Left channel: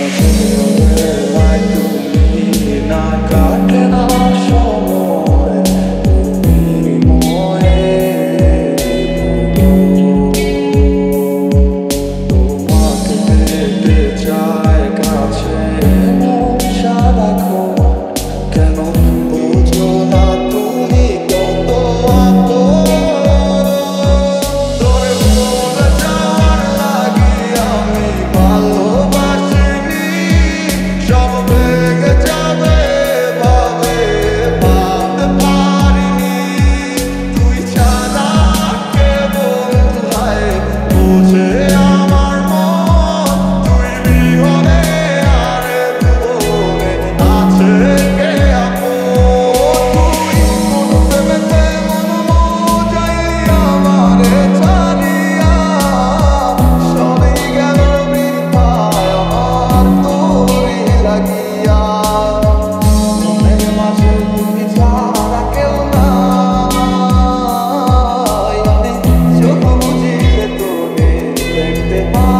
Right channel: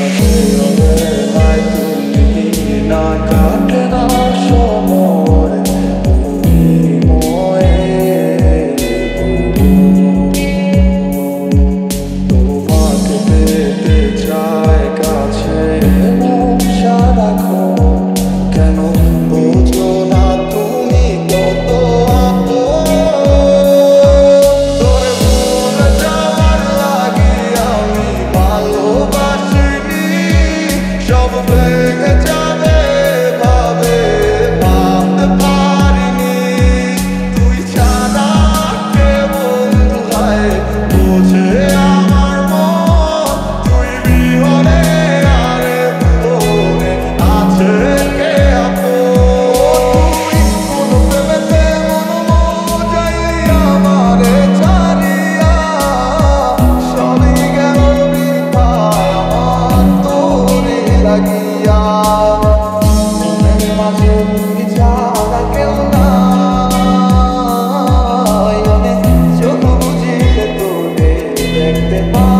মাঝে অবহেলায় তুমি না কাটে না সময়, তুমি ময়ে ভুবন। তোমাকে পেতে চায় কাছে মন সারাক্ষণ, কেন বোঝো না তুমি কত আপন। তোরে ভুলে যাওয়ার লাগি আমি ভালোবাসিনি, সব ভেঙে যাবে ভাবে ভাবতে পারিনি। তুই ছাড়া কে বন্ধু হায় বোঝে আমার মন, তুই বিহনে আরে ভুবনে আছে কে আপন। তুই কোন প্রেমেতে মন মজাইলি আমারে ছাড়িয়া, সবই গেল বৃথায় আমার তোরই লাগিয়া। মনের মাঝে তুই ছাড়া কেউ নাই, অনেক চোখ বুঝিলে তোরে দেখতে পাই।